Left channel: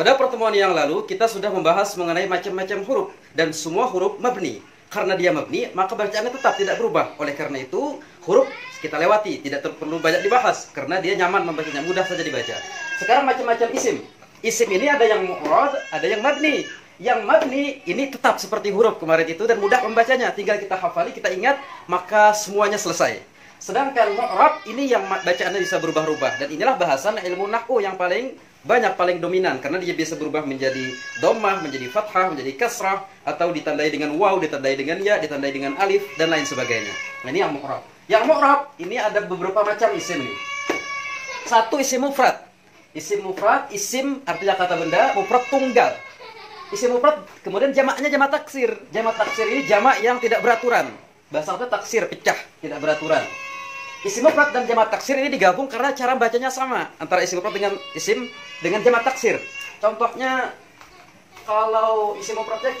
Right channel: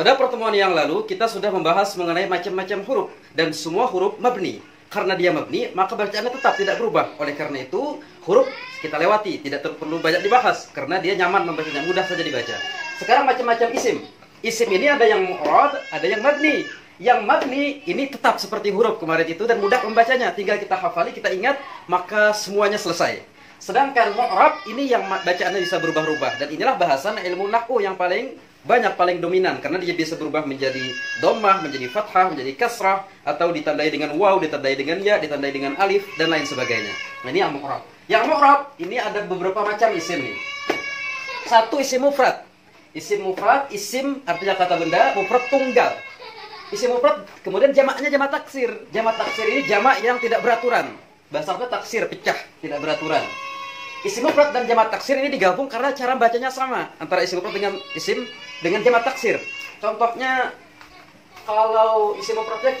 Pada pertemuan yang lalu kita sudah membahas mengenai macam-macam huruf dan semua huruf mabni. Karena dia mabni, maka bacaannya tetap tidak berubah. Oleh karena itu, huruf kita lewati, tidak perlu banyak dibahas karena dia nyaman membacanya, mudah saja dibaca. Sekarang macam-macam isim. Isim ini ada yang mu'rad, ada yang mabni. Yang mabni ini tetap seperti huruf kemarin itu dan mudah membacanya. Tinggal kita hafali, kita ingat, maka semuanya selesai. Sedangkan mu'rab ini yang bacaannya bisa berubah-ubah. Dan inilah bahasan ilmu nahwu yang paling banyak, paling dominan, karena dia bisa berubah menjadi dhammah, menjadi fathah, menjadi kasrah, atau ditandai dengan waw, ditandai dengan ya, ditandai dengan alif, dan lain sebagainya. Nah, ini yang mu'rab. Yang mu'rab ini ada beberapa macam isim nih. Satu, isim mufrad. Isim mufrad, isim artinya kata benda, mufrad tunggal. Isim mufrad, kemudian jamaknya jamak taksir. Jamak taksir ini jamak yang tidak beraturan. Bahasa Arabnya taksir, pecah, tidak beraturan. Isim mufrad dan jamak taksir ini digabung karena cara bacanya sama antara isim mufrad dengan isim dengan jamak taksir. Contohnya, kalau isim mufradnya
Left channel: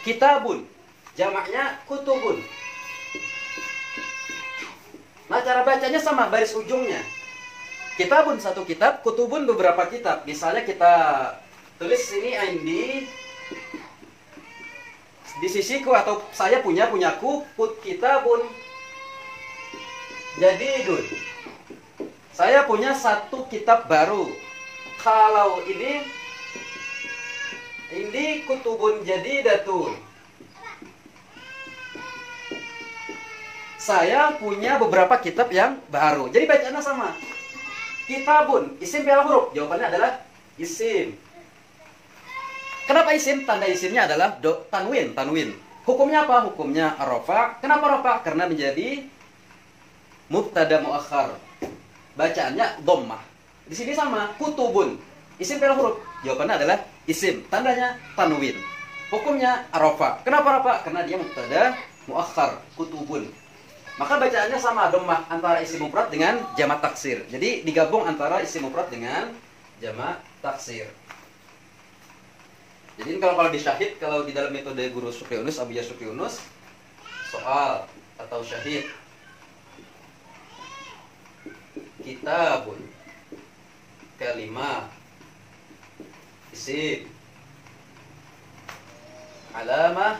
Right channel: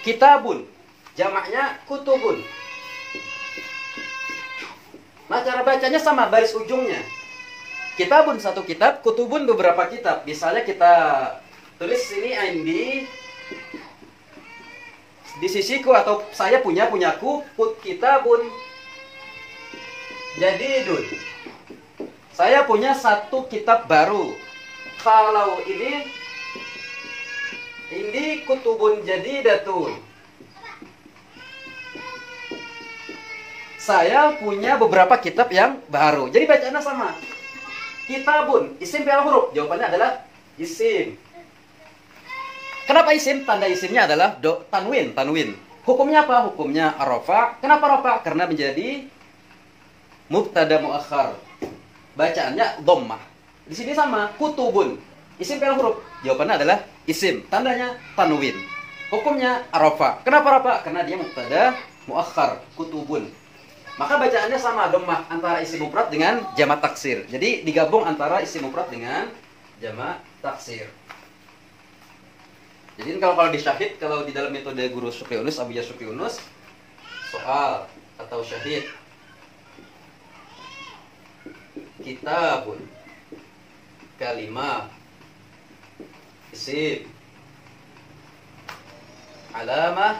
kitabun, jamaknya kutubun. Nah, cara bacanya sama, baris ujungnya. Kitabun satu kitab, kutubun beberapa kitab. Misalnya kita tulis sini di sisiku, atau saya punyaku, kitabun jadidun. Saya punya satu kitab baru. Kalau ini kutubun jadidatun. Saya punya beberapa kitab yang baru. Jadi bacaannya sama. Kitabun, isim fi'il huruf. Jawabannya adalah isim. Kenapa isim? Tanda isimnya adalah tanwin. Hukumnya apa? Hukumnya rafa. Kenapa rafa? Karena menjadi mubtada muakhar. Bacaannya dhammah. Di sini sama, kutubun. Isim fi'il huruf. Jawabannya adalah isim. Tandanya tanwin. Hukumnya rafa. Kenapa rafa? Karena dia mubtada muakhar, kutubun. Maka bacaannya sama, dhammah, antara isim mufrad dengan jamak taksir. Jadi digabung antara isim mufrad dengan jamak taksir. Jadi kalau di syahid, kalau di dalam metode guru Syukri Yunus, Abiyah Syukri Yunus, soal atau syahid, kitabun, kalimah, isim, alamah,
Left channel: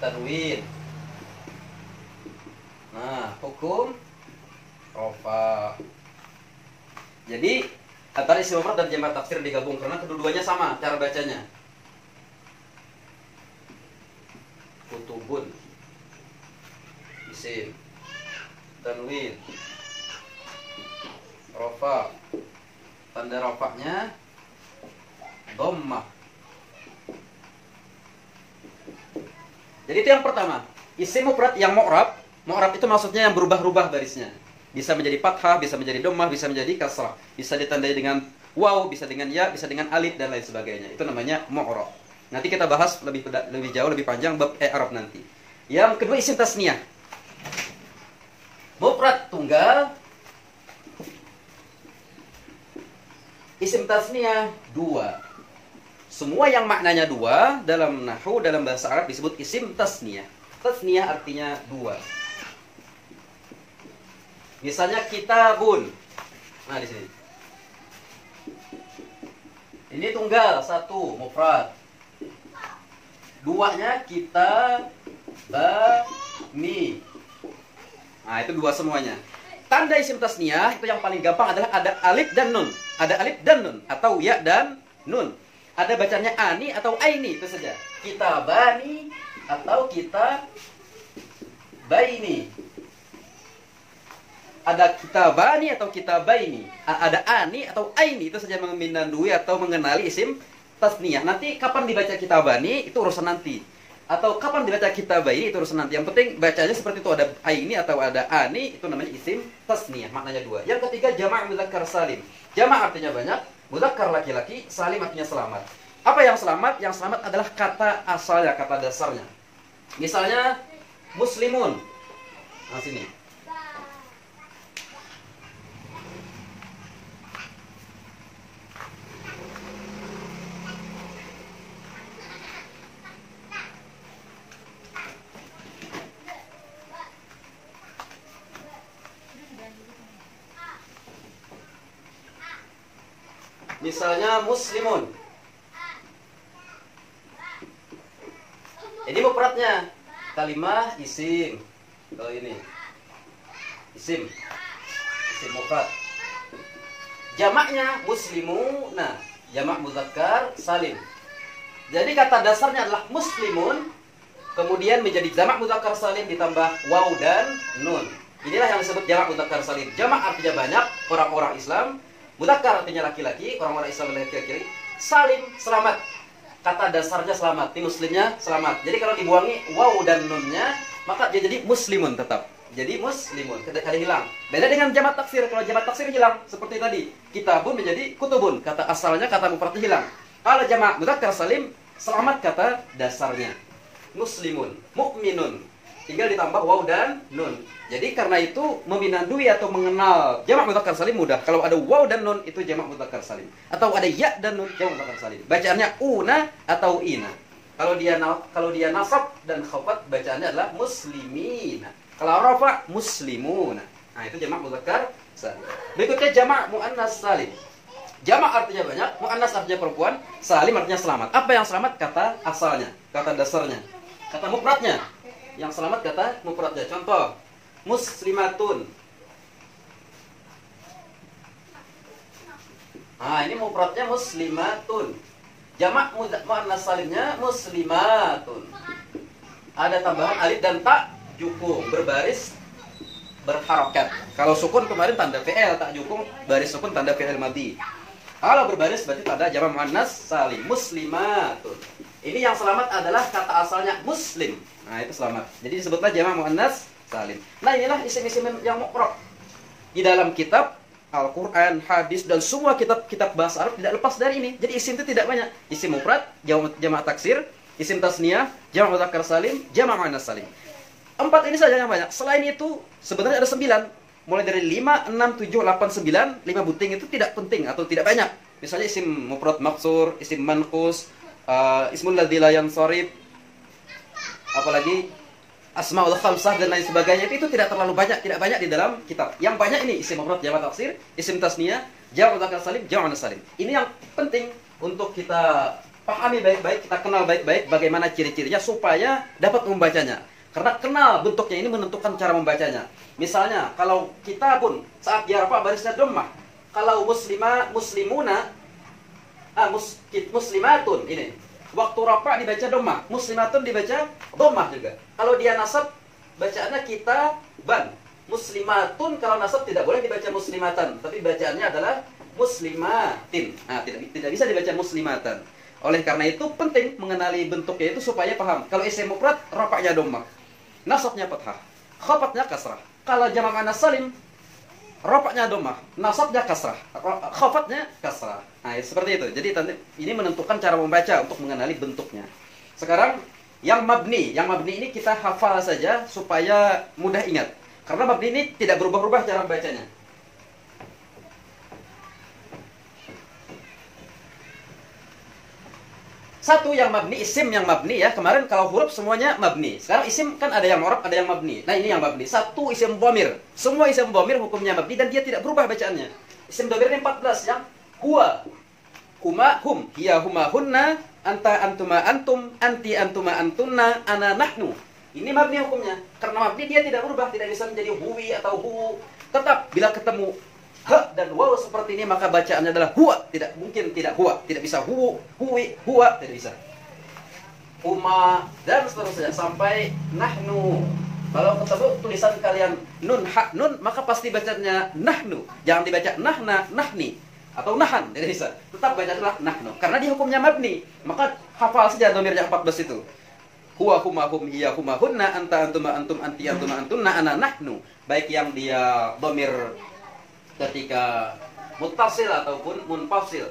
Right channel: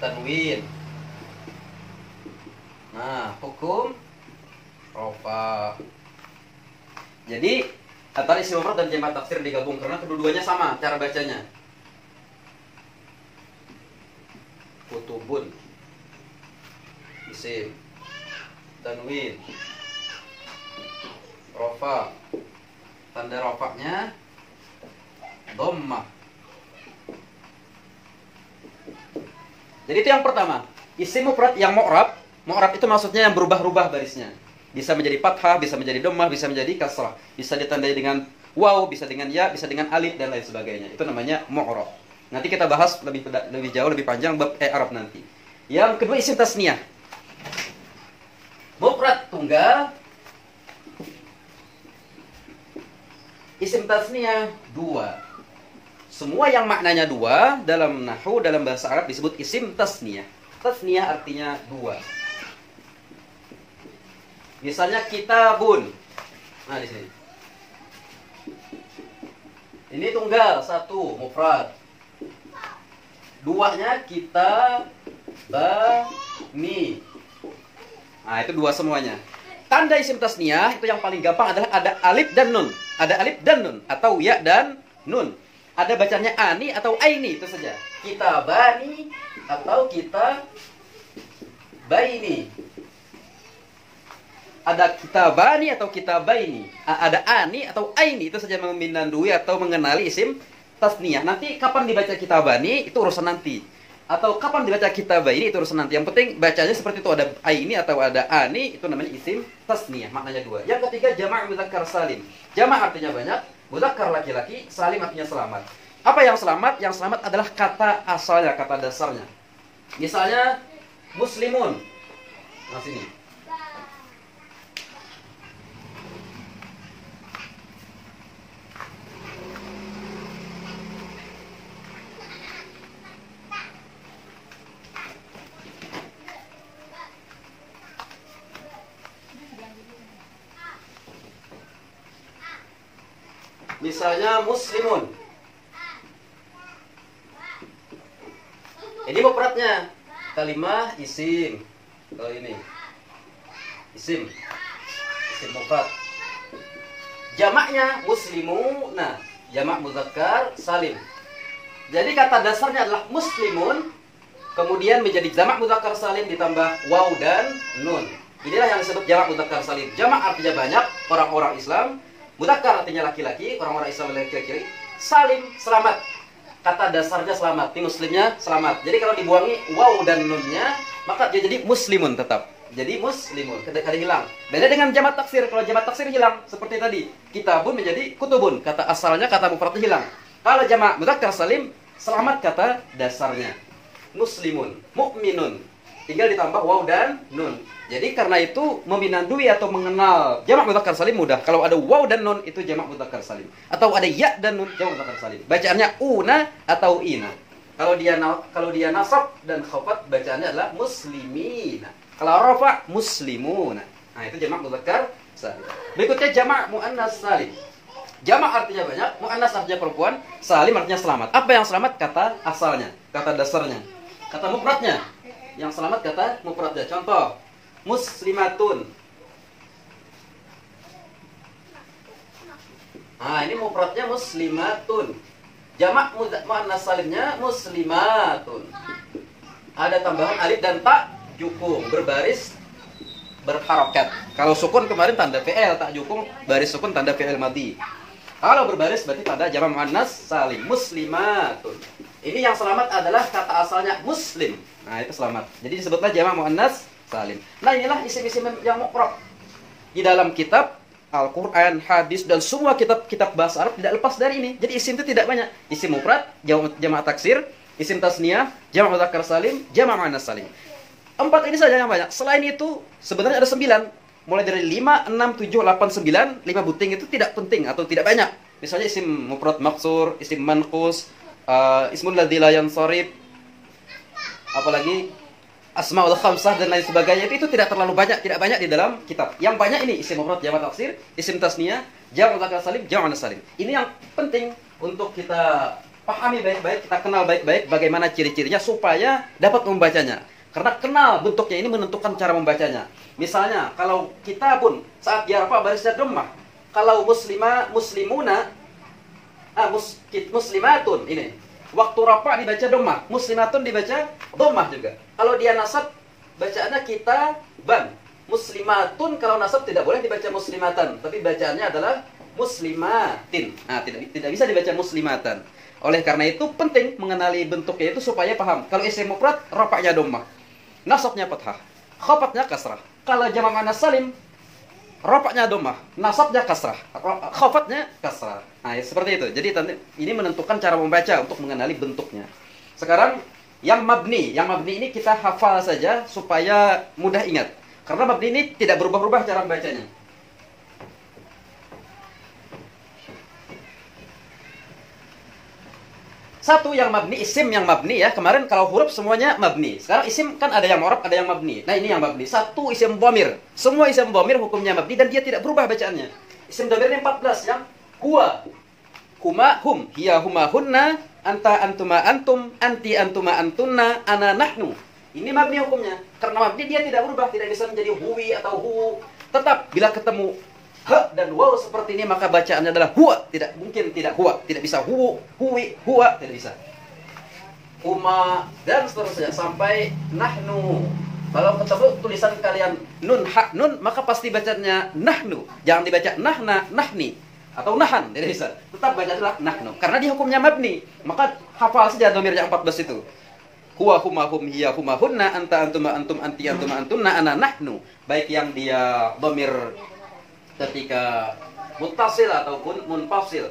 tanwin. Nah, hukum rafa. Jadi antara isim mufrad dan jamak taksir digabung karena kedua-duanya sama cara bacanya. Kutubun, isim, tanwin, rafa. Tanda rafanya dhammah. Jadi itu yang pertama. Isim mufrad yang mu'rab. Mu'rab itu maksudnya yang berubah-ubah barisnya. Bisa menjadi fathah, bisa menjadi dhammah, bisa menjadi kasrah. Bisa ditandai dengan waw, bisa dengan ya, bisa dengan alif, dan lain sebagainya. Itu namanya mu'rab. Nanti kita bahas lebih jauh, lebih panjang bab i'rab nanti. Yang kedua, isim tasniyah. Mufrad tunggal. Isim tasniyah dua. Semua yang maknanya dua dalam nahwu, dalam bahasa Arab disebut isim tasniyah. Tasniyah artinya dua. Misalnya kitabun. Nah, di sini. Ini tunggal, satu, mufrad. Duanya kitabani. Nah, itu dua semuanya. Tanda isim tasniyah itu yang paling gampang adalah ada alif dan nun. Ada alif dan nun atau ya dan nun. Ada bacanya ani atau aini, itu saja. Kitabani atau kitabaini. Ada kitabani atau kitabaini, ada ani atau aini, itu saja memindandui atau mengenali isim tasniyah. Nanti kapan dibaca kitabani itu urusan nanti, atau kapan dibaca kitabaini itu urusan nanti. Yang penting bacanya seperti itu, ada aini atau ada ani, itu namanya isim tasniyah, maknanya dua. Yang ketiga, jamak mudzakkar salim. Jamak artinya banyak, mudzakkar laki-laki, salim artinya selamat. Apa yang selamat? Yang selamat adalah kata asalnya, kata dasarnya. Misalnya muslimun. Nah, sini. Misalnya muslimun. Ini mufradnya. Kalimah isim. Kalau ini isim. Isim mufrad. Jamaknya muslimuna. Jamak muzakkar salim. Jadi kata dasarnya adalah muslimun, kemudian menjadi jamak muzakkar salim ditambah waw dan nun. Inilah yang disebut jamak muzakkar salim. Jamak artinya banyak, orang-orang Islam. Muzakkar artinya laki-laki, orang-orang Islam laki-laki. Salim, selamat. Kata dasarnya selamat, ini muslimnya selamat. Jadi kalau dibuangi waw dan nunnya, maka dia jadi muslimun tetap. Jadi muslimun, kada hilang. Beda dengan jamak taksir. Kalau jamak taksir hilang, seperti tadi. Kitabun menjadi kutubun. Kata asalnya, kata mufradnya hilang. Kalau jamak mudzakkar salim, selamat kata dasarnya. Muslimun, mukminun. Tinggal ditambah waw dan nun. Jadi karena itu meminandui atau mengenal jamak mudzakkar salim mudah. Kalau ada waw dan nun itu jamak mudzakkar salim. Atau ada ya dan nun jamak mudzakkar salim. Bacaannya una atau ina. Kalau dia nasab dan khafat bacaannya adalah muslimina. Kalau rafa muslimun. Nah, itu jamak mudzakkar salim. Berikutnya jamak muannas salim. Jamak artinya banyak, muannas artinya perempuan, salim artinya selamat. Apa yang selamat? Kata asalnya, kata dasarnya. Kata mufradnya. Yang selamat kata mufradnya. Contoh, muslimatun. Nah, ini mufradnya muslimatun. Jamak muannas salimnya muslimatun. Ada tambahan alif dan ta. Jukung, berbaris, berharokat. Kalau sukun kemarin tanda fi'il, tak jukung, baris sukun tanda fi'il madhi. Kalau berbaris berarti tanda jamak muannas salim, muslimatun. Ini yang selamat adalah kata asalnya muslim. Nah, itu selamat. Jadi disebutlah jamak muannas salim. Nah, inilah isim-isim yang mu'rab. Di dalam kitab Al-Quran, hadis, dan semua kitab bahasa Arab tidak lepas dari ini. Jadi isim itu tidak banyak. Isim mufrad, jamak taksir, isim tasniyah, jamak mudzakkar salim, jamak muannas salim. 4 ini saja yang banyak. Selain itu, sebenarnya ada 9. Mulai dari 5, 6, 7, 8, 9. 5 buting itu tidak penting atau tidak banyak. Misalnya isim mufrad maksur, isim manqus, ismul ladzi la yansharif, apalagi asmaul khamsah dan lain sebagainya. Itu tidak terlalu banyak, tidak banyak di dalam kitab. Yang banyak ini isim mufrad, jamak taksir, isim tasniyah, jamak mudzakkar salim, jamak muannas salim. Ini yang penting untuk kita pahami baik-baik, kita kenal baik-baik bagaimana ciri-cirinya supaya dapat membacanya. Karena kenal bentuknya ini menentukan cara membacanya. Misalnya, kalau kita pun saat yarfa barisnya dhammah. Kalau muslimuna, muslimatun ini. Waktu rafa dibaca dhammah, muslimatun dibaca dhammah juga. Kalau dia nasab bacaannya kita ban. Muslimatun kalau nasab tidak boleh dibaca muslimatan, tapi bacaannya adalah muslimatin. Nah, tidak bisa dibaca muslimatan. Oleh karena itu penting mengenali bentuknya itu supaya paham. Kalau isim mufrad rafa'nya dhammah. Nasabnya fathah, khafatnya kasrah. Kalau jamak muannas salim, rafa'nya dhammah, nasabnya kasrah, khafatnya kasrah. Nah, seperti itu. Jadi ini menentukan cara membaca untuk mengenali bentuknya. Sekarang yang mabni ini kita hafal saja supaya mudah ingat. Karena mabni ini tidak berubah-ubah cara membacanya. Satu yang mabni, isim yang mabni ya. Kemarin kalau huruf semuanya mabni. Sekarang isim kan ada yang mu'rab, ada yang mabni. Nah, ini yang mabni. Satu isim dhamir. Semua isim dhamir hukumnya mabni dan dia tidak berubah bacaannya. Isim dhamir ini 14 yang huwa, huma, hum, hiya, huma, hunna, anta, antuma, antum, anti, antuma, antunna, ana, nahnu. Ini mabni hukumnya. Karena mabni dia tidak berubah, tidak bisa menjadi huwi atau hu. Tetap bila ketemu ha dan waw seperti ini maka bacaannya adalah huwa, tidak mungkin tidak huwa, tidak bisa huwi, huwa, tidak bisa. Uma dan seterusnya sampai nahnu. Kalau ketemu tulisan kalian nun ha nun maka pasti bacanya nahnu. Jangan dibaca nahna, nahni atau nahan, tidak bisa. Tetap baca adalah nahnu karena dia hukumnya mabni. Maka hafal saja dhamir yang 14 itu. Huwa, huma, hum, hiya, huma, hunna, anta, antuma, antum, anti, antuma, antunna, ana, nahnu. Baik yang dia dhamir ketika muttasil ataupun munfasil.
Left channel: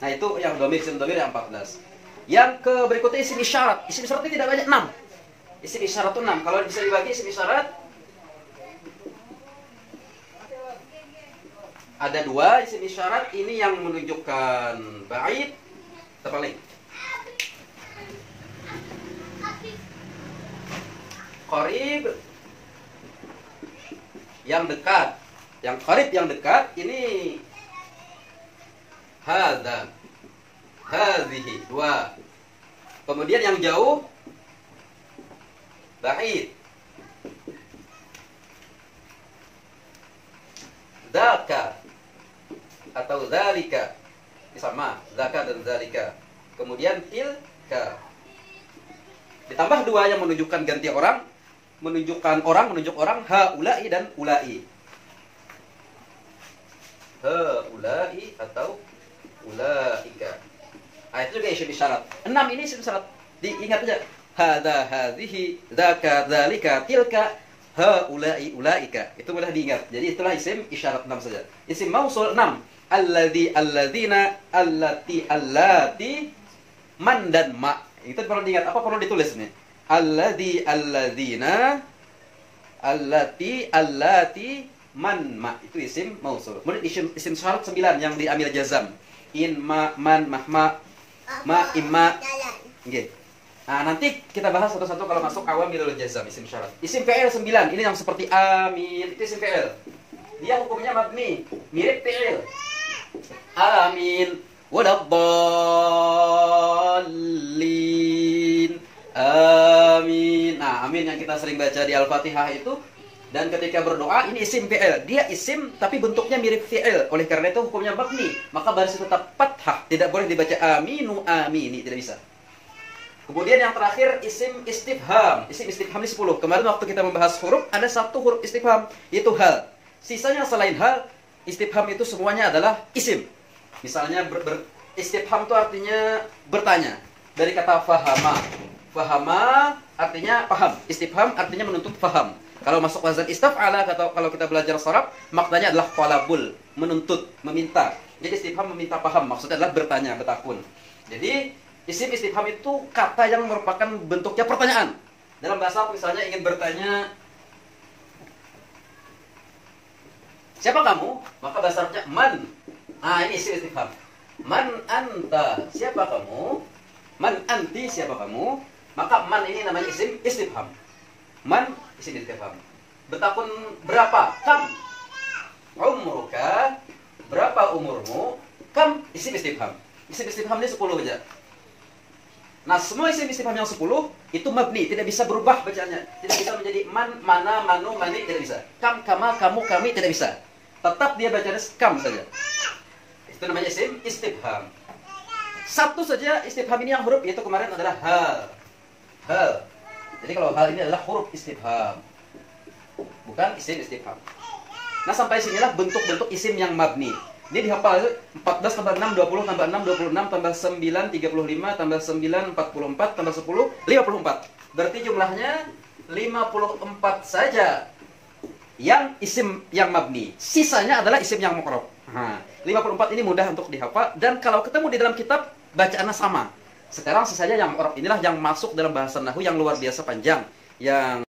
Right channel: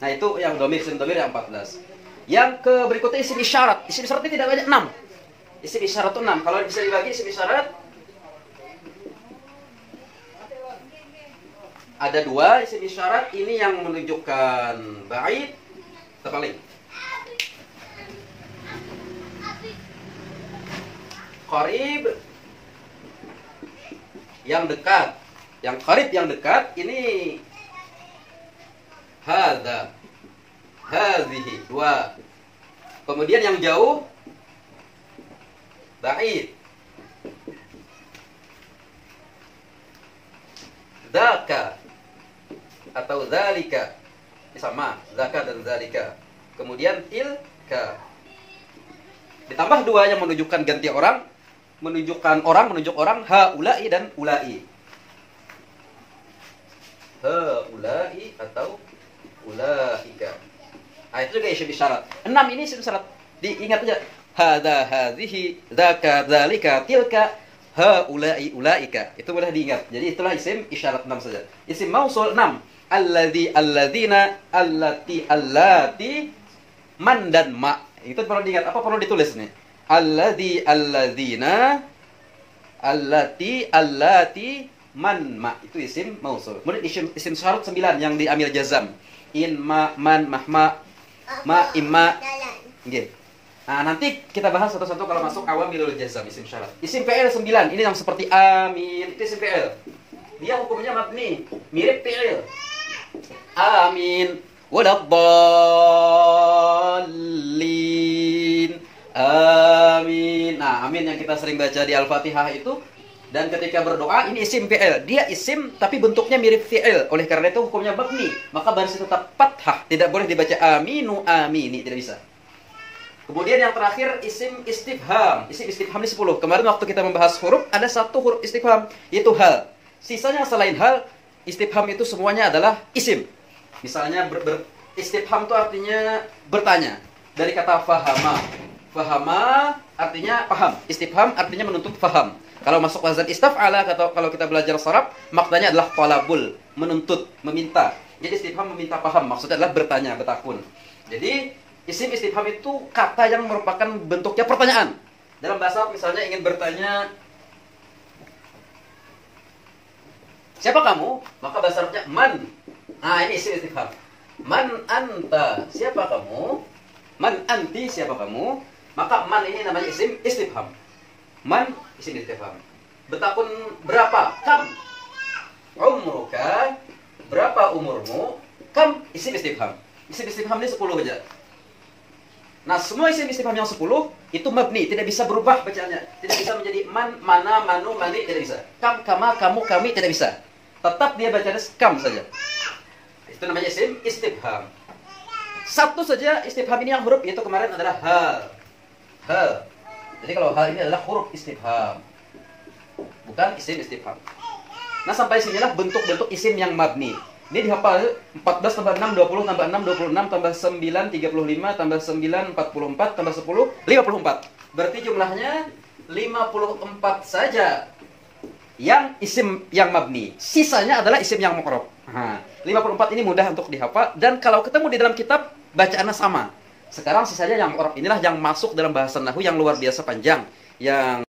Nah, itu yang dhamir, isim dhamir yang 14. Yang ke berikutnya isim isyarat. Isim isyarat itu tidak banyak, 6. Isim isyarat itu 6. Kalau bisa dibagi isim isyarat ada 2 isim isyarat. Ini yang menunjukkan ba'id, terbalik. Qarib yang dekat. Yang qarib yang dekat ini hadza, hadhihi, dua. Kemudian yang jauh, ba'id, dzaka atau dzalika, sama, dzaka dan dzalika. Kemudian tilka. Ditambah dua yang menunjukkan ganti orang, menunjuk orang, haula'i dan ula'i. Haula'i atau ulaika. Itu juga isim isyarat. 6 ini isim isyarat. Diingat aja. Hadza, hadhihi, dzaka, dzalika, tilka, haula'i, ulaika. Itu boleh diingat. Jadi itulah isim isyarat 6 saja. Isim mausul 6. Alladzi, alladzina, allati, allati, man dan ma. Itu perlu diingat. Apa perlu ditulis nih? Alladzi, alladzina, allati, allati, man, ma. Itu isim mausul. Kemudian isim syarat 9 yang diambil jazam. In, ma, man, mahma, ma, imma. Nggih. Nah, nanti kita bahas satu-satu kalau masuk awamilul jazam, isim syarat. Isim fi'il 9, ini yang seperti amin, itu isim fi'il. Dia hukumnya mabni, mirip fi'il. Amin, waladdallin. Amin. Nah, amin yang kita sering baca di Al-Fatihah itu. Dan ketika berdoa, ini isim fi'il. Dia isim, tapi bentuknya mirip fi'il. Oleh karena itu hukumnya mabni. Maka baris tetap fathah. Tidak boleh dibaca aminu, amini. Tidak bisa. Kemudian yang terakhir, isim istifham. Isim istifham ini 10. Kemarin waktu kita membahas huruf, ada satu huruf istifham. Yaitu hal. Sisanya selain hal, istifham itu semuanya adalah isim. Misalnya, istifham itu artinya bertanya. Dari kata fahama. Fahama artinya paham. Istifham artinya menuntut faham. Kalau masuk wazan istaf'ala, kalau kita belajar sharaf, maknanya adalah talabul, menuntut, meminta. Jadi istifham meminta paham, maksudnya adalah bertanya, bertakun. Jadi isim istifham itu kata yang merupakan bentuknya pertanyaan. Dalam bahasa misalnya ingin bertanya, siapa kamu? Maka bahasa Arabnya man. Nah, ini isim istifham. Man anta, siapa kamu? Man anti, siapa kamu? Maka man ini namanya isim istifham. Man isim istifham. Bertakun berapa? Kam. Umruka, berapa umurmu? Kam isim istifham. Isim istifham ini 10 aja. Nah, semua isim istifham yang 10 itu mabni, tidak bisa berubah bacaannya. Tidak bisa menjadi man, mana, manu, mani, tidak bisa. Kam, kama, kamu, kami, tidak bisa. Tetap dia bacanya kam saja. Itu namanya isim istifham. Satu saja istifham ini yang huruf, yaitu kemarin adalah hal. Hal. Jadi kalau hal ini adalah huruf istifham, bukan isim istifham. Nah, sampai sinilah bentuk-bentuk isim yang mabni. Ini dihafal 14 tambah 6, 20 tambah 6, 26 tambah 9, 35 tambah 9, 44 tambah 10, 54. Berarti jumlahnya 54 saja yang isim yang mabni. Sisanya adalah isim yang mu'rab. 54 ini mudah untuk dihafal. Dan kalau ketemu di dalam kitab, bacaannya sama. Sekarang sisanya yang mu'rab inilah yang masuk dalam bahasa nahwu yang luar biasa panjang. Yang